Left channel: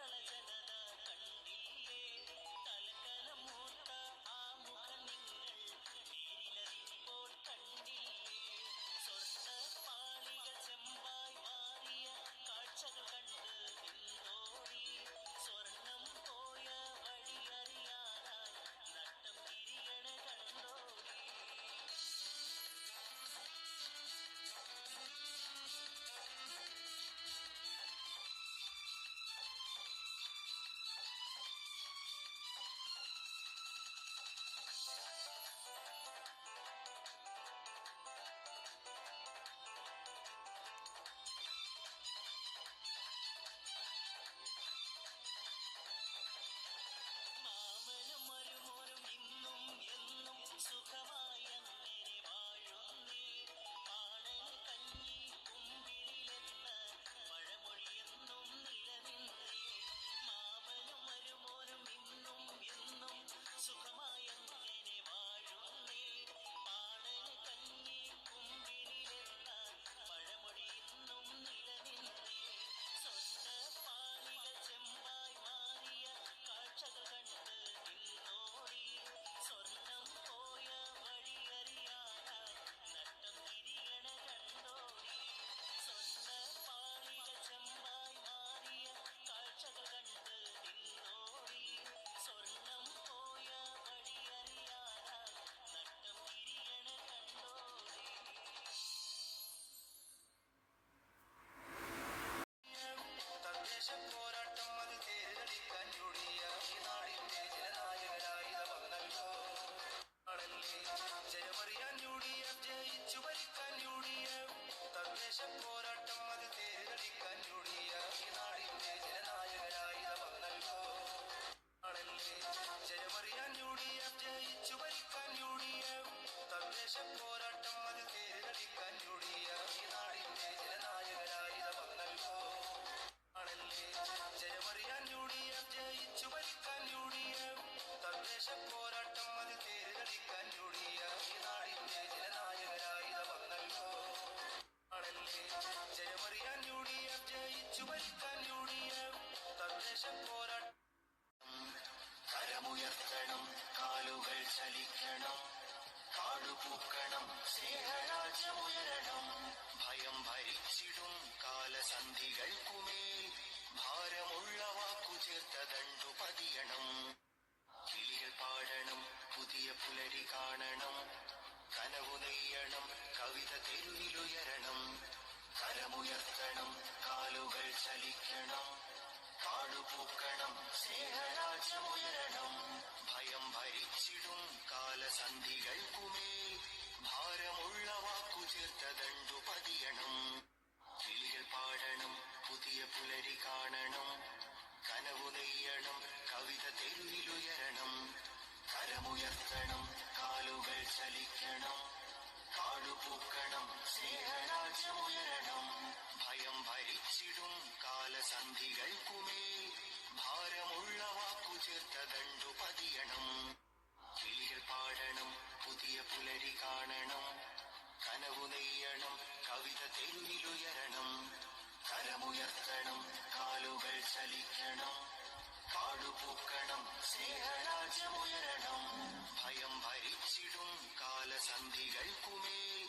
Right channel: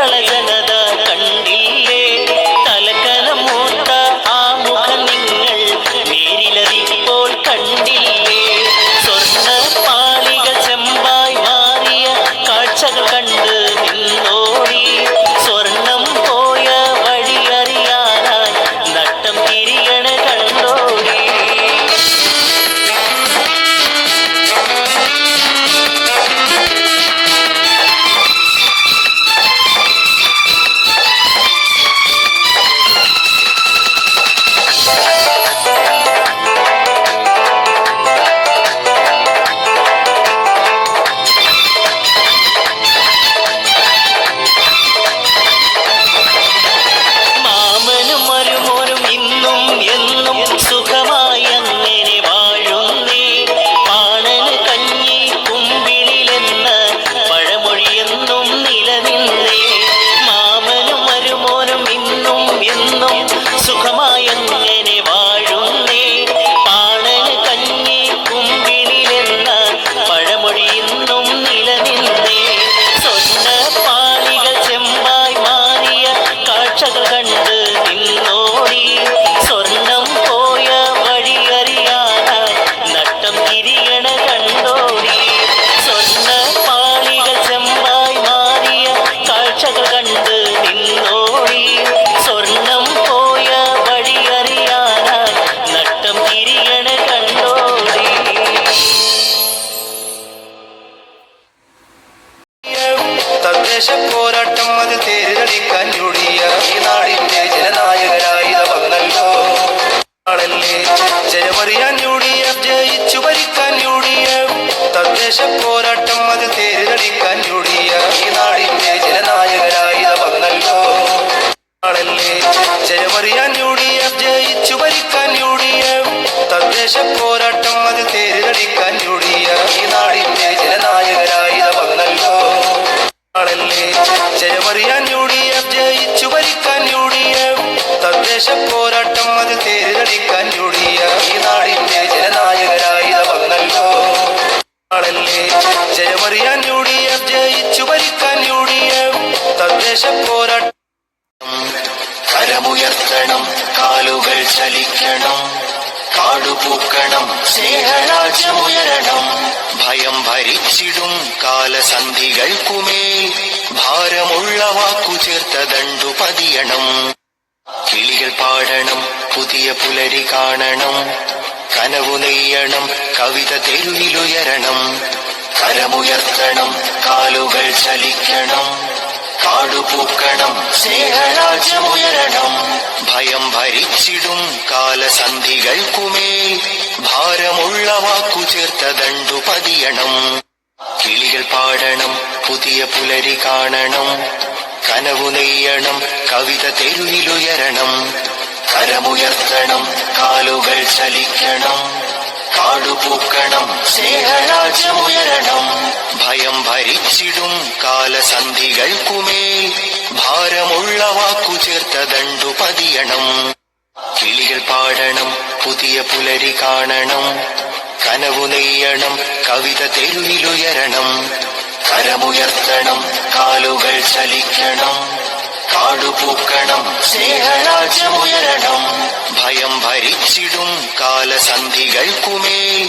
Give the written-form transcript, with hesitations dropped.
കേരള ജനത കണ്ടില്ലേ തലക്കനം മൂത്ത ആ മുഖം നിങ്ങൾ നേരിലതിപ്പോൾ കണ്ടില്ലേ സ്വർണ്ണ പാളികൾ ചെമ്പായി മാറിയ കാഴ്ചകൾ കണ്ട് നിന്നോടി സ്വർണം പോയ വഴിയറിയാനായി നട്ടം തിരിയണ കണ്ടോടി മാമനും മരുമോനും ഇന്നും എന്നും സുഖമായി അങ്ങനെ വാഴുന്നേ പാണന് കഞ്ഞി കുമ്പിളിലെന്ന് പഴമൊഴിയെന്നും നിലനിന്നേ മാമനും മരുമോനും ഇന്നും എന്നും സുഖമായി അങ്ങനെ വാഴുന്നേ പാണന് കഞ്ഞി കുമ്പിളിലെന്ന പഴമൊഴിയെന്നും നിലനിന്നേ സ്വർണ്ണ പാളികൾ ചെമ്പായി മാറിയ കാഴ്ചകൾ കണ്ട് നിന്നോടി സ്വർണം പോയ വഴിയറിയാനായി നട്ടം തിരിയണ കണ്ടോടി സ്വർണ്ണ പാളികൾ ചെമ്പായി മാറിയ കാഴ്ചകൾ കണ്ട് നിന്നോടി സ്വർണം പോയ വഴിയറിയാനായി നട്ടം തിരിയണ കണ്ടോടി തദ്ദേശ പോരാട്ടം അത് തേരിലടിക്കാൻ ഞൊടിയ ഈ നാടിന്റെ ജനനായകരായി വന്നല്ലോ ആളല്ലേ ജയമറിയാൻ UDF ജയിച്ചു ഭരിക്കാൻ UDF തദ്ദേശ പോരാട്ടം അത് തേരിലടിക്കാൻ ഞൊടിയ ഈ നാടിന്റെ ജനനായകരായി വന്നല്ലോ ആളല്ലേ ജയമറിയാൻ UDF ജയിച്ചു ഭരിക്കാൻ UDF തദ്ദേശ പോരാട്ടം അത് തേരിലടിക്കാൻ ഞൊടിയ ഈ നാടിന്റെ ജനനായകരായി വന്നല്ലോ ആളല്ലേ ജയമറിയാൻ UDF ജയിച്ചു ഭരിക്കാൻ UDF തദ്ദേശ പോരാട്ടം അത് തേരിലടിക്കാൻ UDF ഈ നാടിന്റെ ജനനായകരായി വന്നല്ലോ ആളല്ലേ ജയമറിയാൻ UDF ജയിച്ചു ഭരിക്കാൻ UDF തദ്ദേശ പോരാട്ടം കരമുയർത്തണം കാലുകൾ ചലിക്കണം കാടുപൂക്കണം സ്നേഹരാജ്യമുയരണം ഭയം ഭരിച്ചിടും കാലസന്ധികൾക്കുമേൽ ഭാരമുള്ള വാക്കു ചേർത്ത ദണ്ടു പതിയണം കിളികൾ പാടണം പുതിയ പുലരി കാണണം കനവു നെയ്യണം കവിത തെരുവിലുയരണം കരമുയർത്തണം കാലുകൾ ചലിക്കണം കാടുപൂക്കണം സ്നേഹരാജ്യമുയരണം ഭയം ഭരിച്ചിടും കാലസന്ധികൾക്കുമേൽ ഭാരമുള്ള വാക്കു ചേർത്ത ദണ്ടു പതിയണം കിളികൾ പാടണം പുതിയ പുലരി കാണണം കനവു നെയ്യണം കവിത തെരുവിലുയരണം കരമുയർത്തണം കാലുകൾ ചലിക്കണം കാടുപൂക്കണം സ്നേഹരാജ്യമുയരണം ഭയം ഭരിച്ചിടും കാലസന്ധികൾക്കുമേൽ ഭാരമുള്ള വാക്കു ചേർത്ത ദണ്ടു പതിയണം കിളികൾ പാടണം പുതിയ പുലരി കാണണം കനവു നെയ്യണം കവിത തെരുവിലുയരണം കരമുയർത്തണം കാലുകൾ ചലിക്കണം കാടുപൂക്കണം സ്നേഹരാജ്യമുയരണം ഭയം ഭരിച്ചിടും കാലസന്ധികൾക്കുമേൽ